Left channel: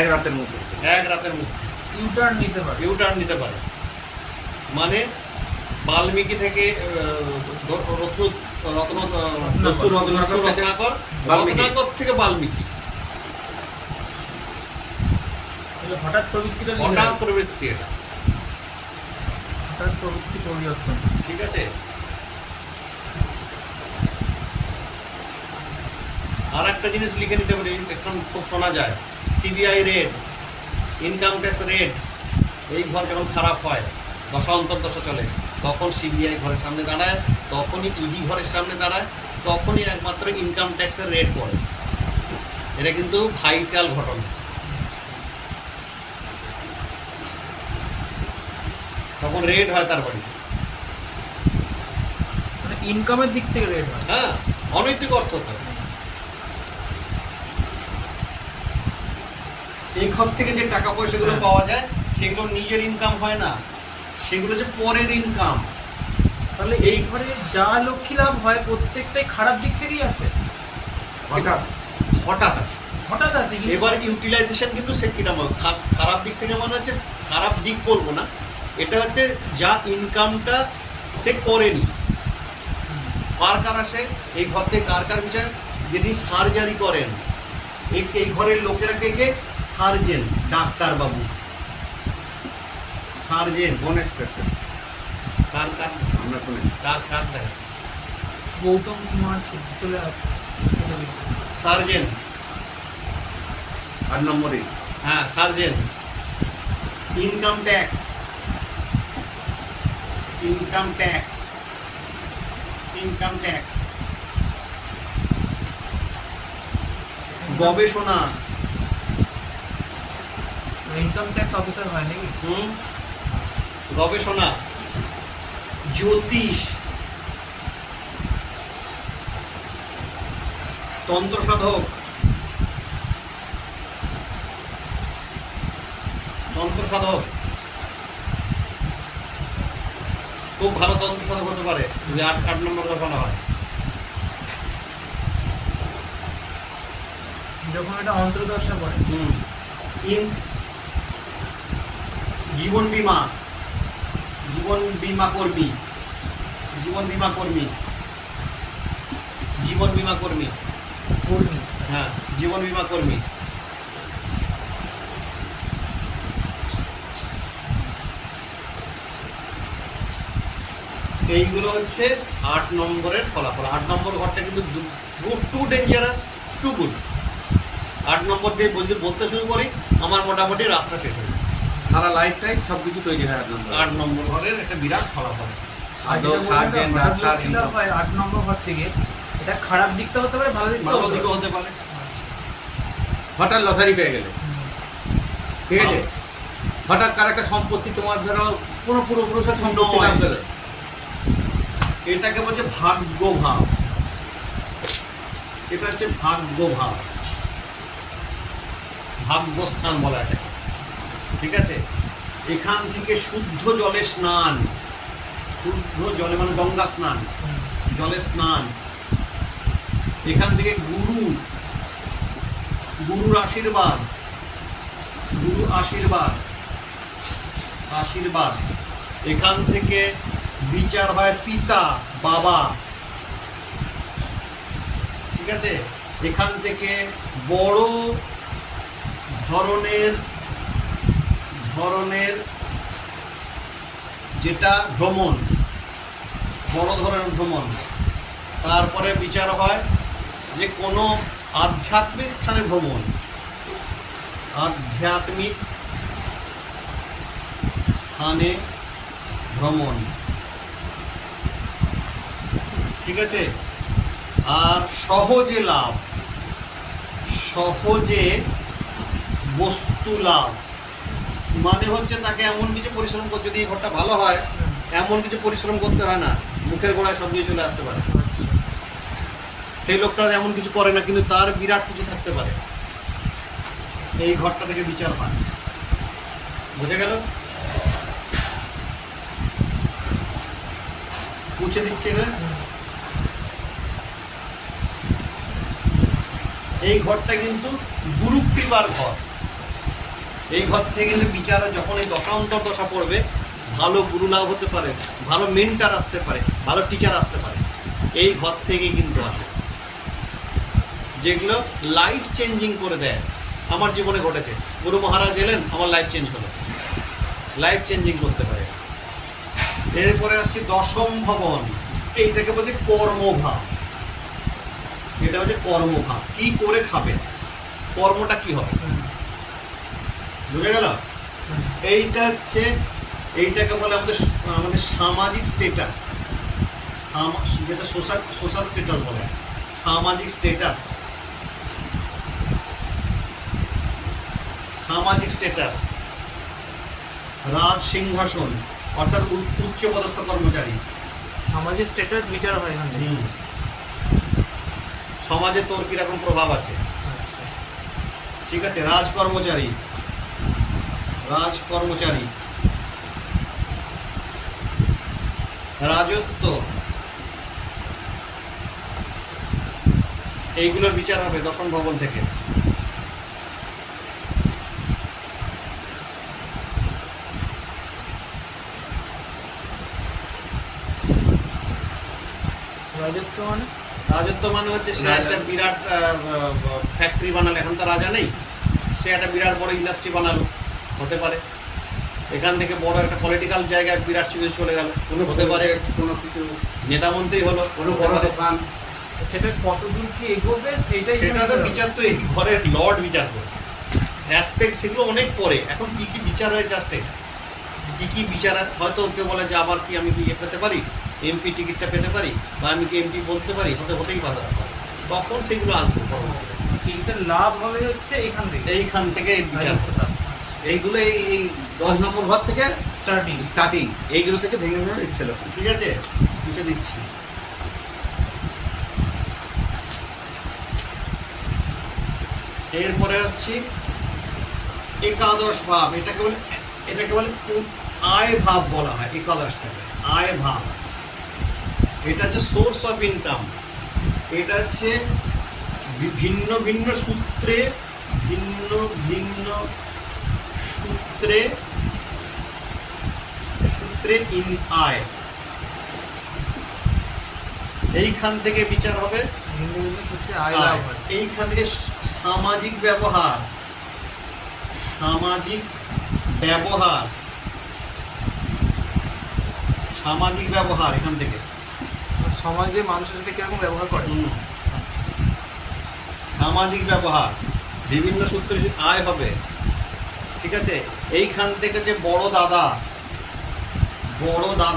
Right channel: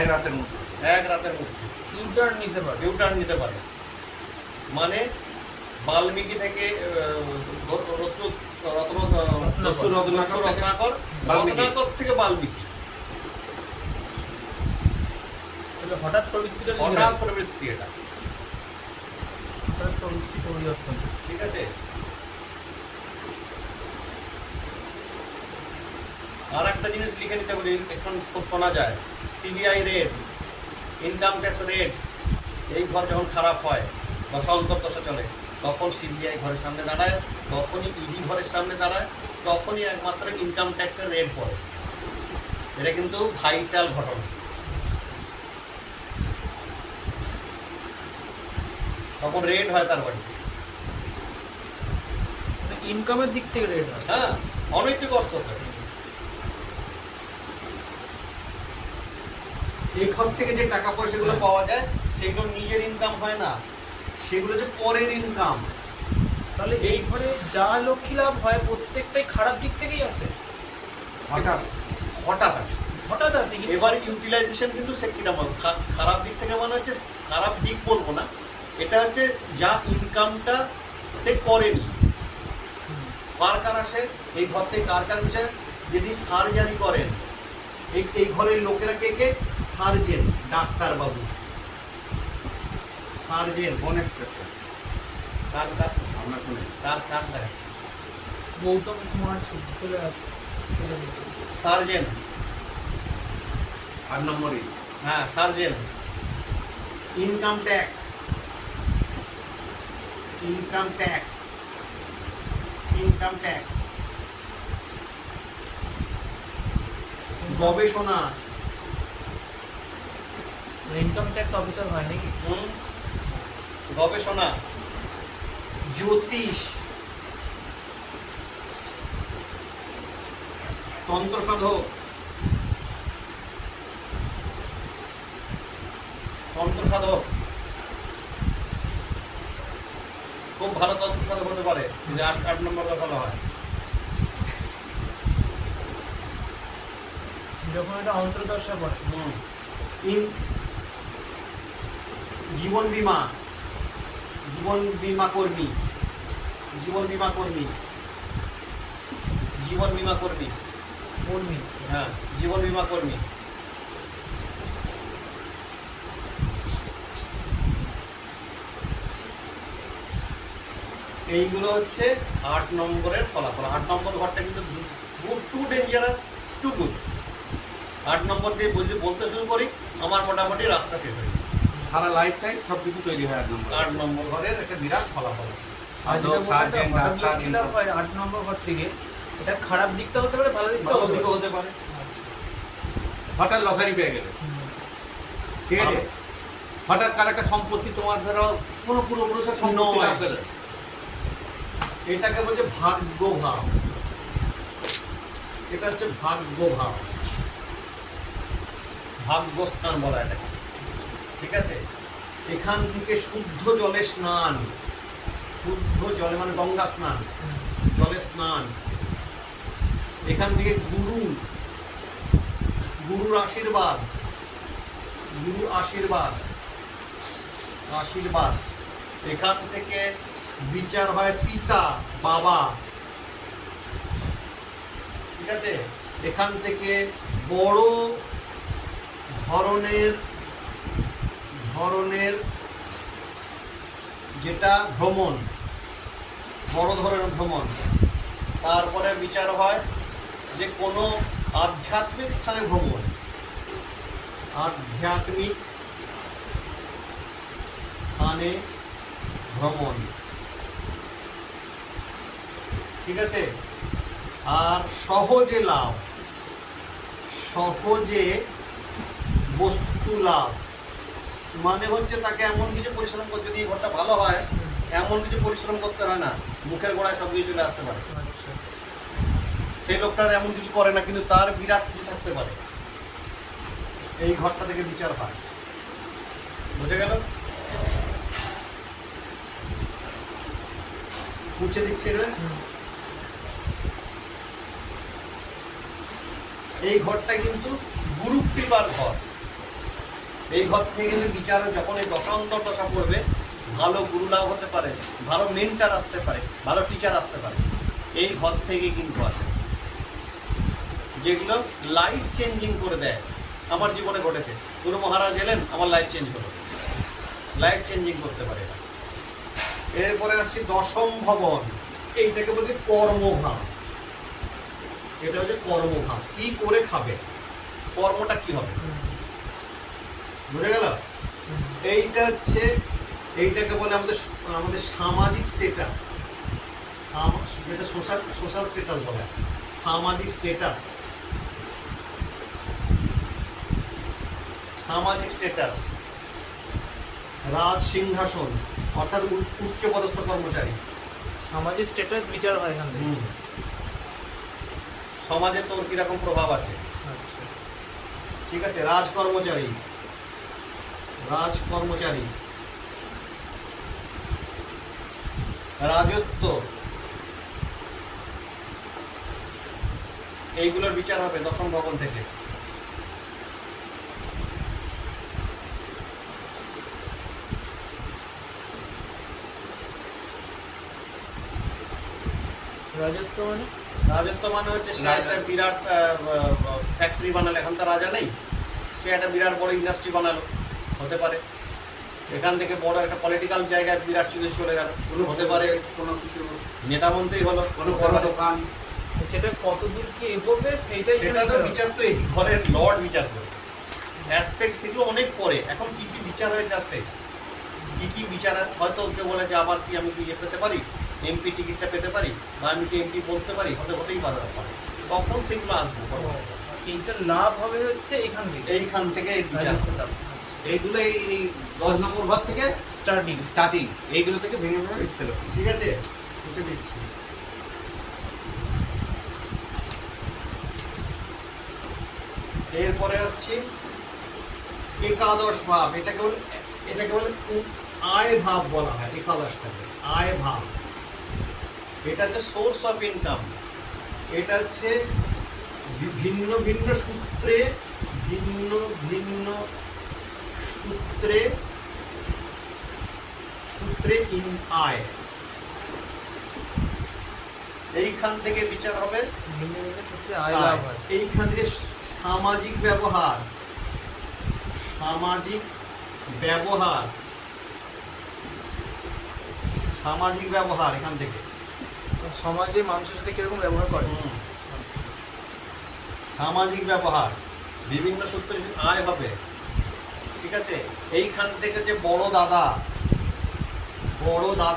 এক রাতের মধ্যে ইউটার্ন নিতে পারে। মানে বাল্মীকি থেকে রত্নাকর থেকে বাল্মীকি, হঠাৎ প্রবৃত্তি এটা প্রবৃত্তি পরিবর্তন। ঠিক আছে। আর একটা জিনিস লিখে নিতে পারি, এখন খুব শোনা যায়, CBI red, income tax red, এই ঘর যখন খারাপ হয়, দশা অন্তর্দশা চলে, তখন সিবিআই ঘরের সামনে দাঁড়ায়, তখনই ইডি ঘরের সামনে দাঁড়ায়, তখনই একমাত্র ইনকাম ট্যাক্সের রেড পড়ে। এটা কিন্তু ভাইটাল ঘটনা। তখন রেড হয় তার বাড়িতে, মানে ইনকামের দিক থেকে রেড হয়। হ্যাঁ, অনৈতিক অর্থ তো। এই ঘর থেকে যে টাকা পয়সাগুলো পাওয়া যায়, সেগুলো নিজের ইনকাম হয় না, সেগুলো যে পরের ইনকাম। তাহলে এই ঘরে যা লক্ষ্মী লাভ হয় প্রত্যেকটাই খারাপ দিক থেকেই আসে, হঠাৎ আসে। এবার ইউটিলাইজেশন কিন্তু সে কিরকম খারাপ দিক থেকে মনে হচ্ছে, খারাপ দিক বলবো না, এটা হচ্ছে যা ইনকামটা সে করেনি। কার আসে এই ঘর থেকে, কার বিচার, যিনি সার্জারি করেন, এই ঘরের লোকেরা কে, সার্জেন, ডাক্তার বাবু, সার্জেন। কার দেখাচ্ছে, গৌতম কুমার চলে আসে সার্জেন 8 নম্বরে। হ্যাঁ, সার্জেন। ইনকাম ট্যাক্স, গবেষণা, ইনকাম ট্যাক্স অফিসার হয় নাকি? গবেষণা, জ্যোতিষ, তন্ত্র সাধক, খুব ভালো তন্ত্র সাধক হতে পারে যদি 8 নম্বর ভালো হয়। যখন এটা অন্তর্দশা পড়ে। জীবন বীমা কর্মী, হ্যাঁ, জীবন বীমা কর্মী। এইগুলো হচ্ছে 8 নম্বরের ফলাফল। 8 নম্বর ঘরটা কিন্তু টু ডেঞ্জারাস, টু গুড। 8 নম্বর দিয়ে বলতে শুরু করি, আমার মোটামুটি রাতটা শেষ হয়ে যায়। সারা লাইফটাই সব কিছু তৈরি হয় 8 নম্বর ঘরের একটা বিরাট ফলাফল আছে। 8 নম্বর ঘর থেকে এটা খারাপ দিকটা হতে পারে, ভালো দিকটা হতে পারে। হঠাৎ লটারি পেয়ে গেলে, ঠিক আছে, হঠাৎ কার একটা সম্পত্তি তোমার ধরো কোনো পূর্বপুরুষের সম্পত্তি লাভ পেলে, এটাকে বলছে ভাগ্য ভাব। এটা হচ্ছে ভাগ্য ভাব, ভাগ্যস্থান বলা এটাকে। ঠিক আছে। এখান থেকে শুদ্ধ জলে স্নান, শুদ্ধ জলে মানে গঙ্গা স্নান, জলে স্নান। এখান থেকে গুরুর আশীর্বাদ। এখান থেকে বিচার হয় পিতা, বাবা। ঠিক আছে। এখান থেকে বড় ধরনের যেটা ভ্রমণ, বড় ধরনের ভ্রমণ। তারপরে বিচার হয় যে কোনো আধ্যাত্মিক স্থানে ভ্রমণ, ঠিক আছে। আর সহজে বস্তু লাভ, মানে হচ্ছে তাকে এমন কিছু পরিশ্রম করতে, যদি এই ঘরটা ভালো হয়, এমন কিছু পরিশ্রম করতে হয় না, মুখের গোড়ায় সব কিছু চলে আসতে পারে। সেই লোকটা এমন কিছু করে না, কিন্তু তার বিরাট কিছু থাকতে পারে। এই ঘরটা থেকে বিচার হয়। বুঝে গেল? মুছে দিচ্ছি না। এই ঘরটা কিন্তু গুরু কৃপার ঘর। এই ঘর থেকে কিন্তু বিচার যখন এই দশান্তর দশা পড়বে, ভালো গুরু লাভ হতে পারে, ভালো মেন্টার আসতে পারে, ভালো টিচার আসতে পারে, এই ঘর থেকেই কিন্তু আসে, যেগুলো লাইফ চেঞ্জিং করে দেয়। আমার জীবনে ঘটেছে, গুরু মহারাজ এলেন, আমার লাইফ চেঞ্জ হলো, লাইফ চেঞ্জিং করতে পারে। এরপরে আসছি দশম ভবন, এইটাকে বলছে কর্মভাব। এটা হচ্ছে কর্মভাব, কি করে খাবে, কর্মটা কি হবে, বুঝে গেল? এইটা হচ্ছে, এইটাকে বলে আমাদের আমাদের সামাজিক স্টেটাস, যেটা সোশ্যাল স্টেটাস বলে, সামাজিক স্টেটাস, সামাজিক স্টেটাস, রাজ সিংহাসন অর্থাৎ উচ্চপদস্থ কর্মচারী। সমাজের স্ট্যাটাস বিচার হয় এখান থেকে। সমাজে তোর কিরকম প্রভাব আছে, আচ্ছা। ঠিক আছে? রাজকর্মচারী, রাজকর্মচারী, রাজত্ব, এইগুলোর বিচার হবে দশম ভবন থেকে। রাজত্ব মানে রাজত্ব মানে হচ্ছে সে রাজা। একটা বিরাট ফ্যাক্টরি বানালো, এখন তো রাজা নেই, সে একটা বিরাট বড় ইন্ডাস্ট্রি বানালো, হতে পারে। এখান থেকে বড় একটা পলিটিক্যাল জায়গায় বিরাট কিছু চলে গেল, হতে পারে। কোনো কিছু, নেতা মন্ত্রী হলো, কোনো হতে বড় পারে। দোকান, সেটা কতদূর কি এগোবে সেটাই সেটা তো এখানে বিচার তো এই ঘরের লর্ড বিচার করে, অ্যাসপেক্ট সেগুলো অনেক পরে। এখন কি কি বিচার হয় জাস্ট এটা, কি কি বিচার হয়, হয়তো ওকে বলে যে আবার কি আমি কি পেতে পারি, এমপি টিকিটটা পেতে পারি, বা আমি কি এমপি বলতে পারি, হতেই পারে, তখন সেগুলো আসবে পরবর্তীতে। এইটার লাভ হবে হচ্ছে এখান থেকে এইখান থেকে বিচার হবে। এইগুলো এই 10 নম্বর ঘর থেকে স্টার্টিং। স্টার্টিং, এইগুলো থেকে ভেঙে ভেঙে ইনস্টলেশন। ঠিক আছে, বুঝে দিচ্ছি। এরপরে আসছি একাদশ ভাব, এটাকে বলে আয় ভাব বলা হয়। একাদশটাকে আয় ভাব, এটা হচ্ছে সোর্স অফ ইনকাম। এটা হচ্ছে ভিন্ন ভিন্ন সূত্রে, ভিন্ন ভিন্ন সূত্রে সূত্রে আয়, এইখান থেকে বিচার হবে। ভিন্ন ভিন্ন সূত্রে আয় লাভ হয়। এইখান থেকে সামাজিক ব্যবহার, সামাজিক ব্যবহার, সামাজিক ব্যবহার এখান থেকে। সমাজে মানুষের সাথে কিরকম ব্যবহার করে। সামাজিক ব্যবহার, বিভিন্ন সূত্রে আয় হবে, ঠিক আছে? এইখান থেকে যে বড় দাদা, বড় দাদা